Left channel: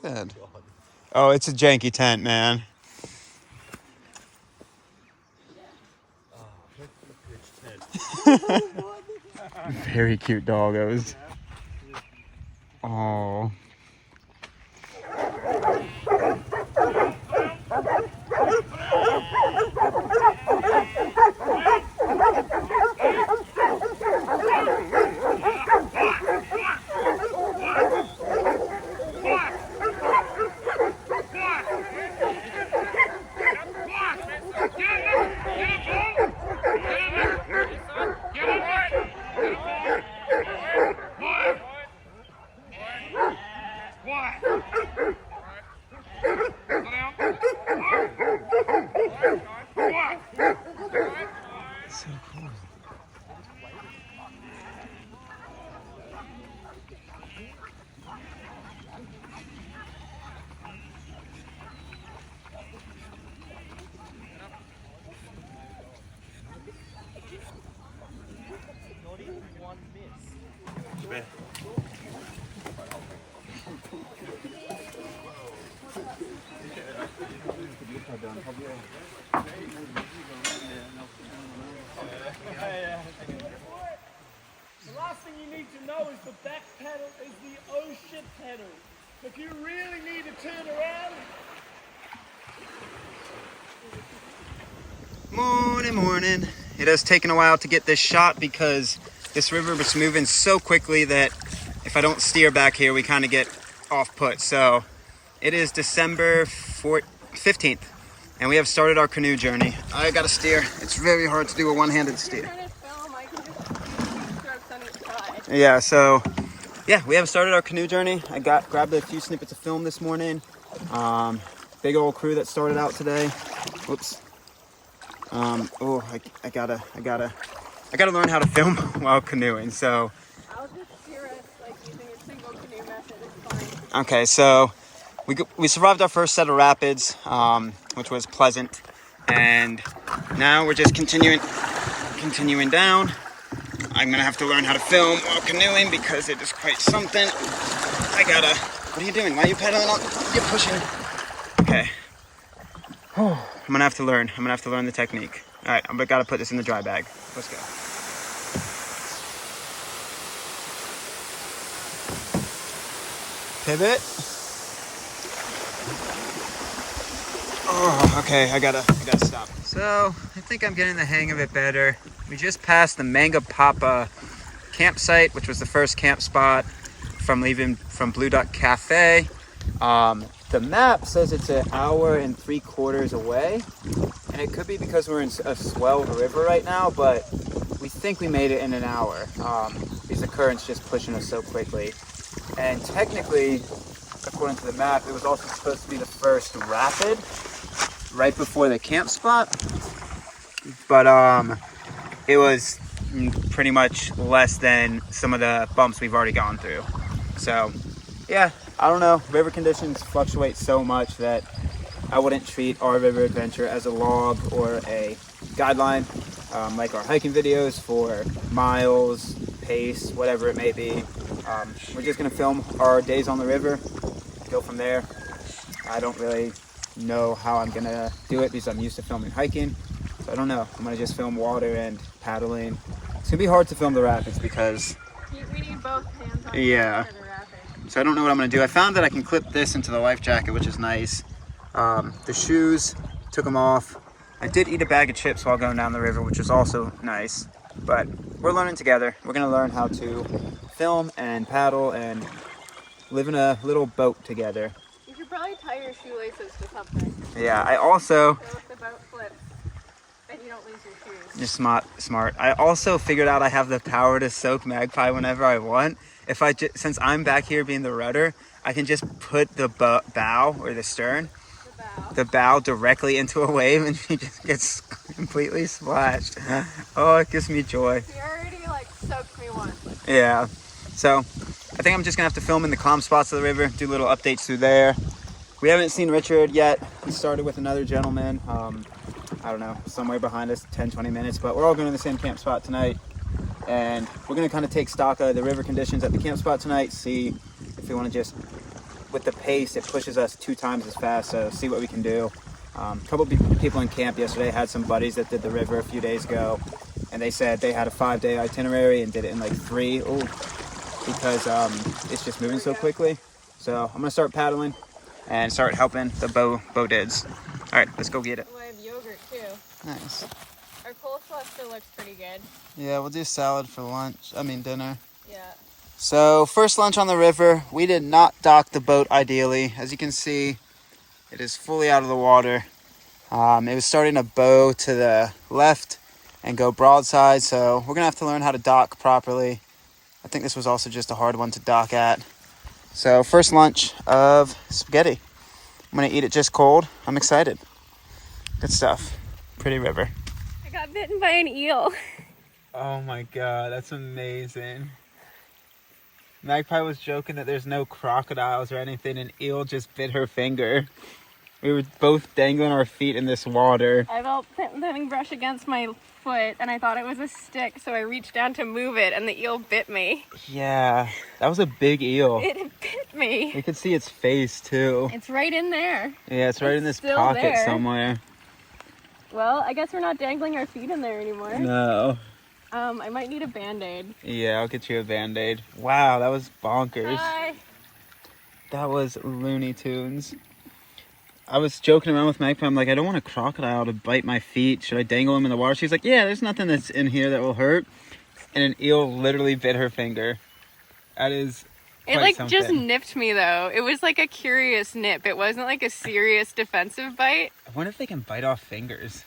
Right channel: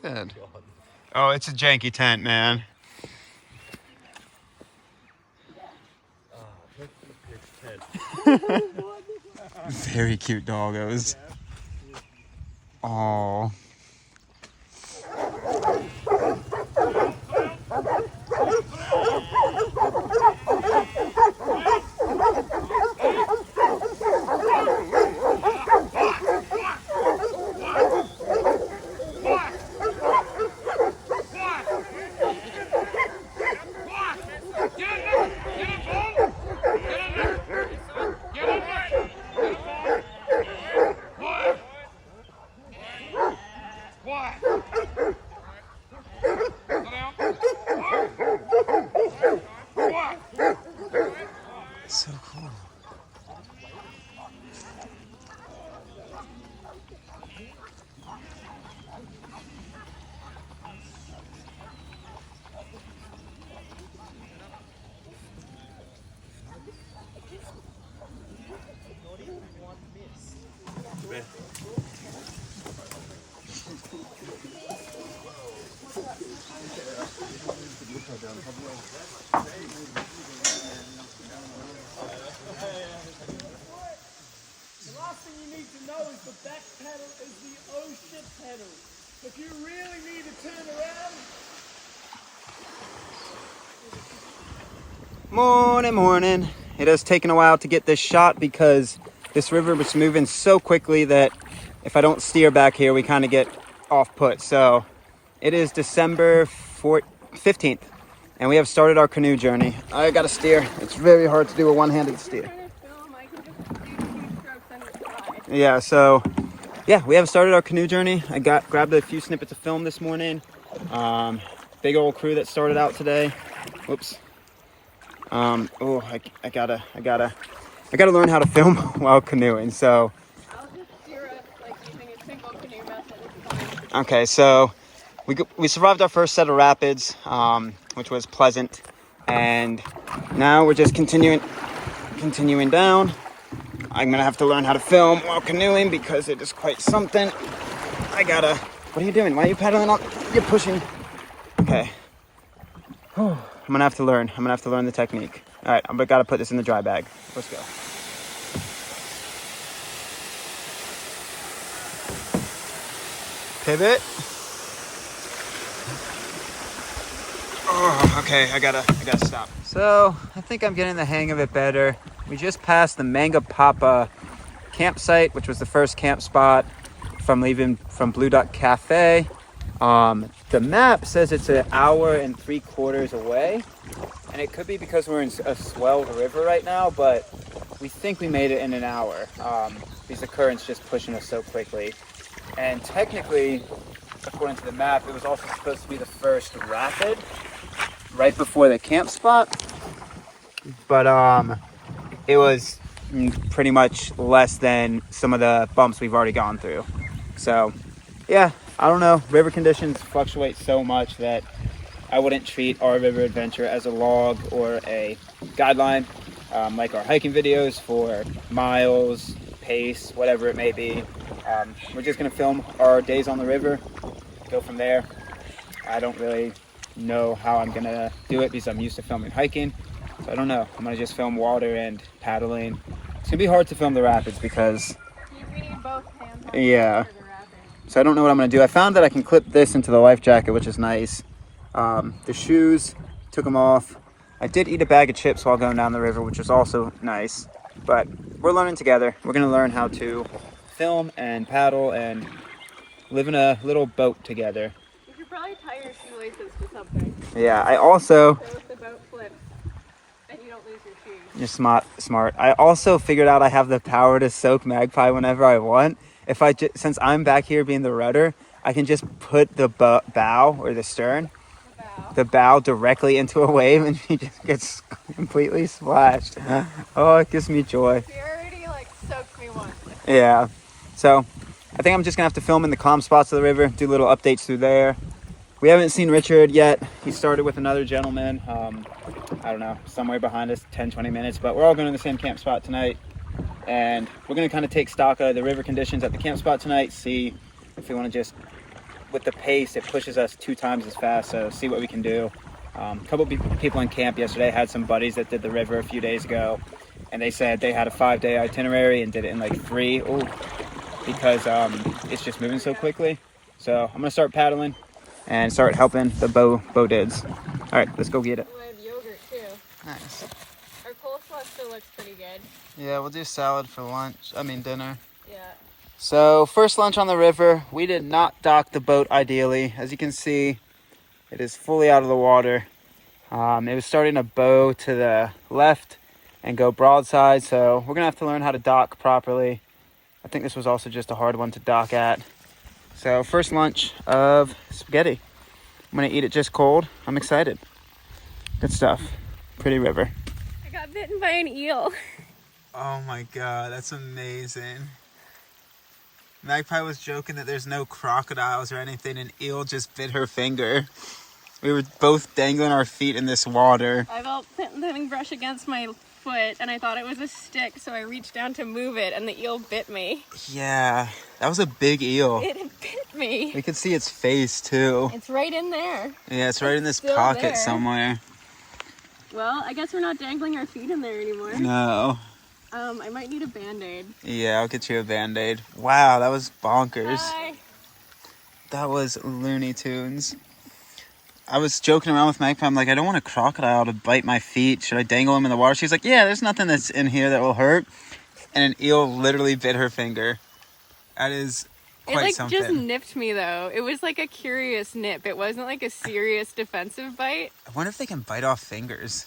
Good. Oh, it's a janky tent, man. Very cute doggos. Oh. So cool. The last thing you need to know is the back pedal is the ocean pedal. If you really need to turn around. Morning. It has taken a while to get this shot because this river was moving so quickly that if I don't steer back here, we kind of get off put. So it is December 15th and we have started our canoe journey. I gotta steer. It's very hard to do a one-handed steer. Yeah, so yeah, we have started our canoe journey. I grabbed a few snippets of film this morning. Big old crew that started out today. Whoops. Oh, I gotta learn how to film while canoeing. So I'll just steer us like using a single canoe method. It's fine. okay, so we survived our first set of rapids, which was pleasant, and now we're just continuing down. I'm gonna have to learn how to film while canoeing because it is quite something. What are you doing? Why are you paddling on? You're pushing. Okay. I'm gonna have to learn the technique. All right, I gotta put this in the dry bag. Let's go. Pivot. Oh, okay, I gotta stop. So, I think I'm getting the hang of it better. We just passed the Manga Papa campsite, which was the first camp spot from leaving from Blue Duck Cafe. The map says it's 1.75 hours away, and it could be because we're in a swelled river right now, but we think we made it in an hour because the current's just pushing us so quickly. And technically, according to the map, it was also supposed to be the first rapid right before the camp spot, but it was pretty much less than some of the bumps we've already gone through. So yeah, I don't know, river conditions fluctuate so much that I wouldn't treat our river adventure as a log or a guideline, like our hiking videos for miles, pace, whatever it may be. We're just gonna film our days on the river, go from there. I don't really know how I'm gonna do it because I'm used to filming hiking, so I don't know. I'm gonna just film water and paddling. It's gonna be hard to film the rapids because We need both hands on yeah. for the rapid. So I don't know what I'm gonna do. I found that I can clip this into the life jacket, which is nice. The shoes, took them off. I did eat a bag of chips while going down the river, which is also nice. But we're learning together. We're gonna learn how to film and paddle and live in a little boat together. You should probably tie your shoelaces to something. Yeah, I also... So if the boat flips and you don't lose your shoes. You're smart. I also figured out I have the power to soak Magpie whenever I want. If since I'm back here being the rudder, I can just put the bow or the stern, the bow directly into a wave, and she just gets completely splashed. Oh, it gives me joy. She already like soaked me once. Yeah. So I think I'm just gonna have to film in the calm spots of the river, do little updates through there. We haven't seen Richard yet. He started with another gentleman. I don't know, somewhere behind us, 10, 20 minutes. But we're all going to the same camp spot tonight. And we're going to kind of take stock of the river conditions at the camp spot tonight, see if we want to just, with the pace, it pushes us 2 times as fast, so see what we can do. A couple people in camp yesterday had some buddies that did the river a few days ago, and they said they had a 5-day itinerary and did it in like 3. Ooh, because it's just moving so quickly. So I'm gonna start paddling and start helping the bow dids. All right, let's go get it. We have yogurt too. Nice. Our coleslaw still looks pretty good. Yeah, we'll do salad for dinner. Yeah. So first lunch on the river. We did not dock the boat ideally. As you can see, it is fully out of the water. It was starting to bow to the left and go broadside, so we're gonna have to learn how to dock properly. I think this was also just a hard one to dock at. So first lunch of spaghetti. I'm gonna eat it just cold. I'm excited. Good stuff. Pretty river. I got bitten by an eel. Oh my god, that's amazing. Magpie was joking that there's no crocodiles or anything, and eel just bit her finger. We were both dangling our feet in this water. I felt something brush against my foot, and I thought it was a stick, so I reached down to move it, and the eel bit me. Yeah, that was a big eel. It bit me. We could see its face too. It's right in there. Yeah, it's right in this still pocket there. somewhere. Well, I guess we're not dangling our feet in there anymore. No. I might need a Band-Aid. Yeah, I'll get you a Band-Aid. Wow, that was bonkers. Hi. That was Looney Tunes. I was joking around with Magpie. I'm like, I don't want a crocodile to bite my feet. Should I dangle him in the water? She's like, yeah, there's nothing that's in here that will hurt. And an eel literally bit her finger. That is quite something. Just nipped me, though. It was like a curious nip. It wasn't like a serious defensive bite. I wonder if they can bite off fingers.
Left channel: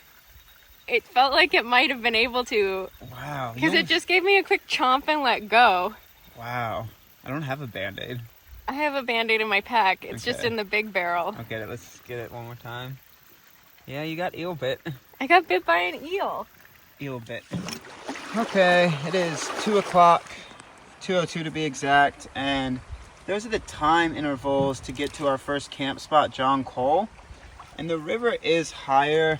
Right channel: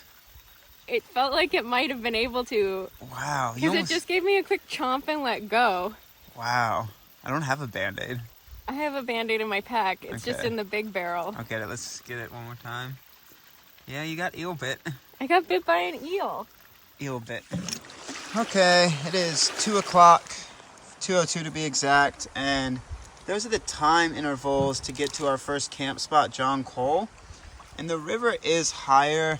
It felt like it might have been able to. Wow. Because it just gave me a quick chomp and let go. Wow. I don't have a Band-Aid. I have a Band-Aid in my pack. It's just in the big barrel. Okay, let's get it one more time. Yeah, you got eel bit. I got bit by an eel. Eel bit. Okay, it is 2 o'clock, 2:02 to be exact, and those are the time intervals to get to our first camp spot, John Cole. And the river is higher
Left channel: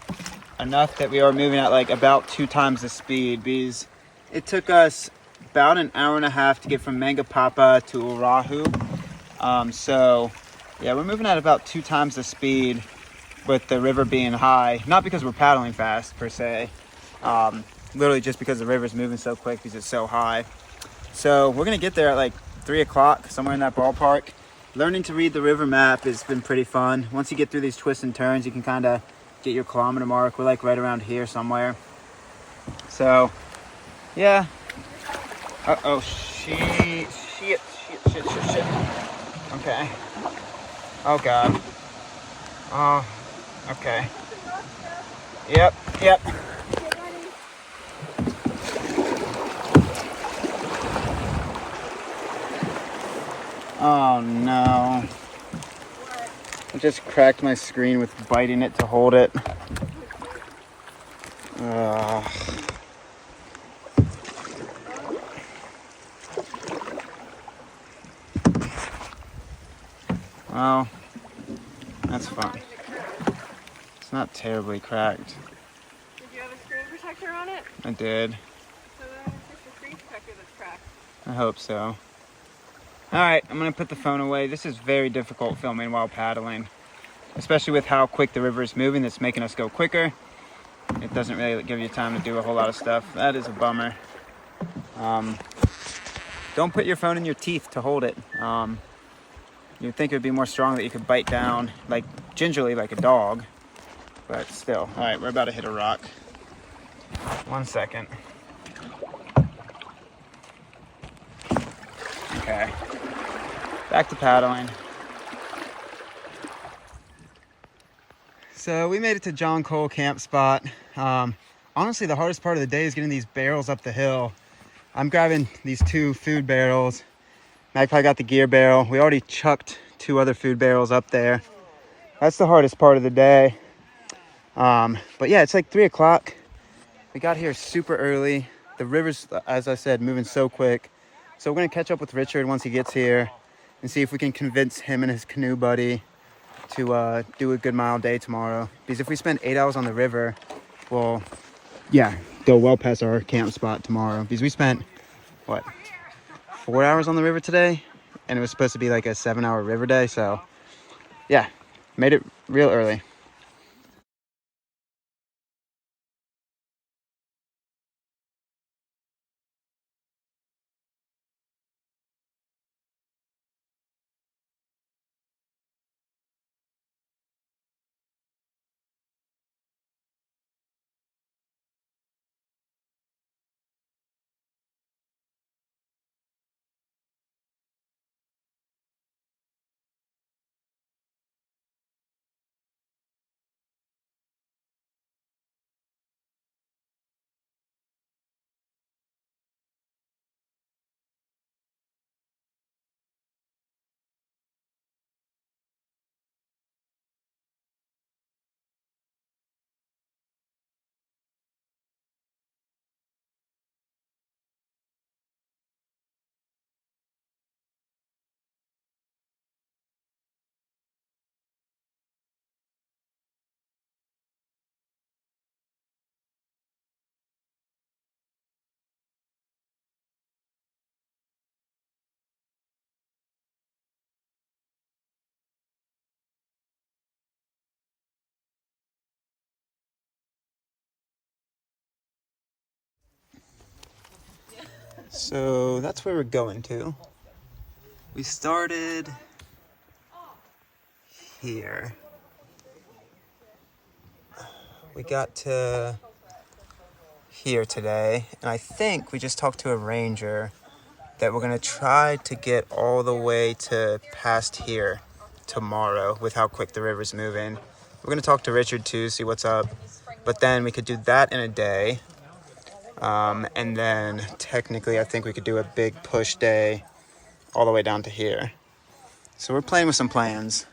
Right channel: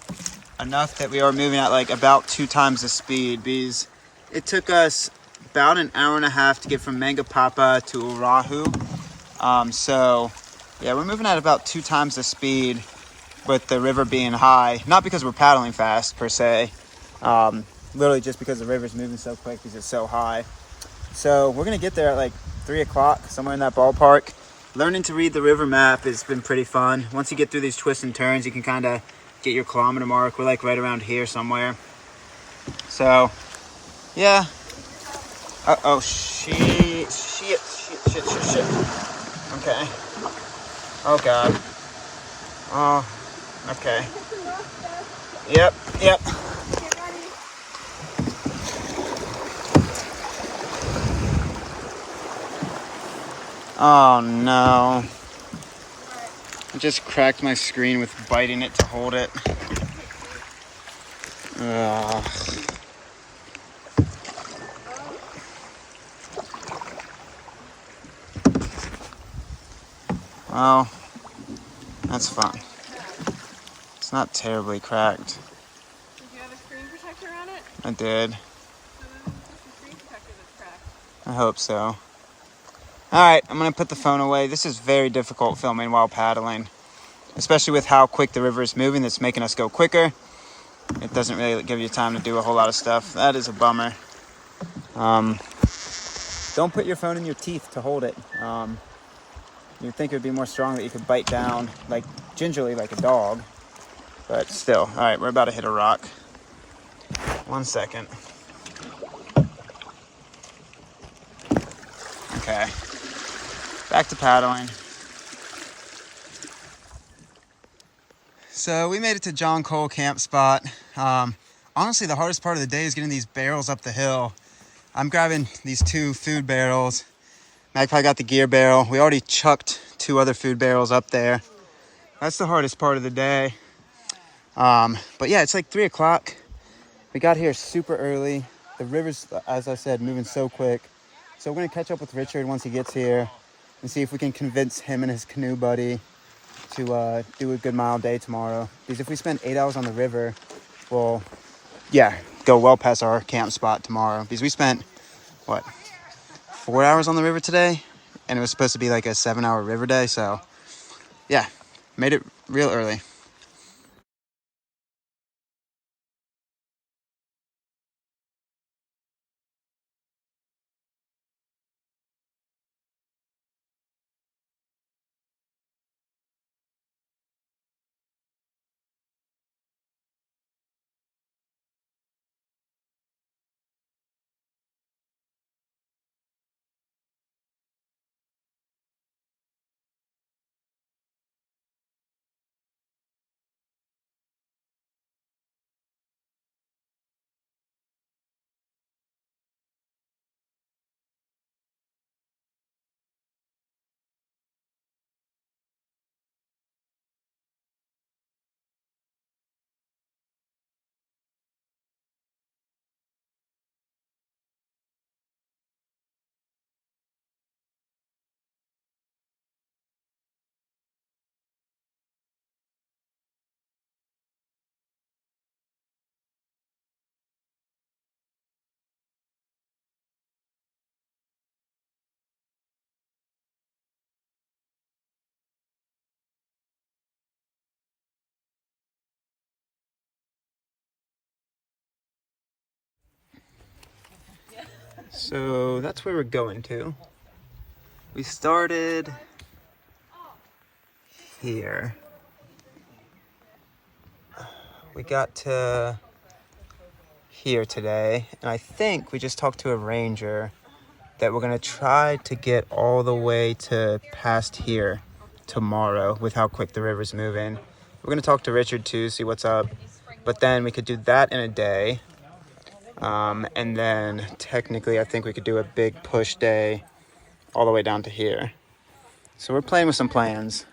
enough that we are moving at like about 2 times the speed, because it took us about an hour and a half to get from Mangapapa to Oahu. So yeah, we're moving at about 2 times the speed with the river being high, not because we're paddling fast per se, literally just because the river's moving so quick because it's so high. So we're gonna get there at like 3 o'clock, somewhere in that ballpark. Learning to read the river map has been pretty fun. Once you get through these twists and turns, you can kind of get your kilometer mark. We're like right around here somewhere. So yeah. Uh-oh, shit. Okay. Oh god. Oh, okay. Yep. Get ready. Oh no. I just cracked my screen with biting it to hold it. Well, that's fun. It's not terribly cracked. Did you have a screen protector on it? I did. So then it's just the screen protector that's cracked. I hope so. Alright, I'm going to put the phone away. This is very difficult filming while paddling, especially with how quick the river is moving. That's making us go quicker. It doesn't really give you time to do a whole lot of stuff. That is a bummer. Don't put your phone in your teeth to hold it. You'd think it would be more strong that you could bite down like gingerly like a dog, but still. Alright, we're about to hit a rock. 1 second. Okay. Back to paddling. So we made it to John Cole camp spot. Honestly, the hardest part of the day is getting these barrels up the hill. I'm grabbing these 2 food barrels. Magpie got the gear barrel. We already chucked 2 other food barrels up there. That's the hardest part of the day. But yeah, it's like 3 o'clock. We got here super early. The river's, as I said, moving so quick. So we're gonna catch up with Richard once he gets here and see if we can convince him and his canoe buddy to do a good mile day tomorrow. Because if we spend 8 hours on the river, we'll, yeah, go well past our camp spot tomorrow, because we spent, what, 4 hours on the river today, and it was supposed to be like a 7-hour river day. So yeah, made it real early. So that's where we're going to. We started here. We got to here today, and I think we just talked to a ranger that we're gonna try to get all the way to past here tomorrow with how quick the river's moving. We're gonna talk to Richard too, see what's up, but then we could do that in a day. And then technically I think we could do a big push day all the way down to here. So we're playing with some plans.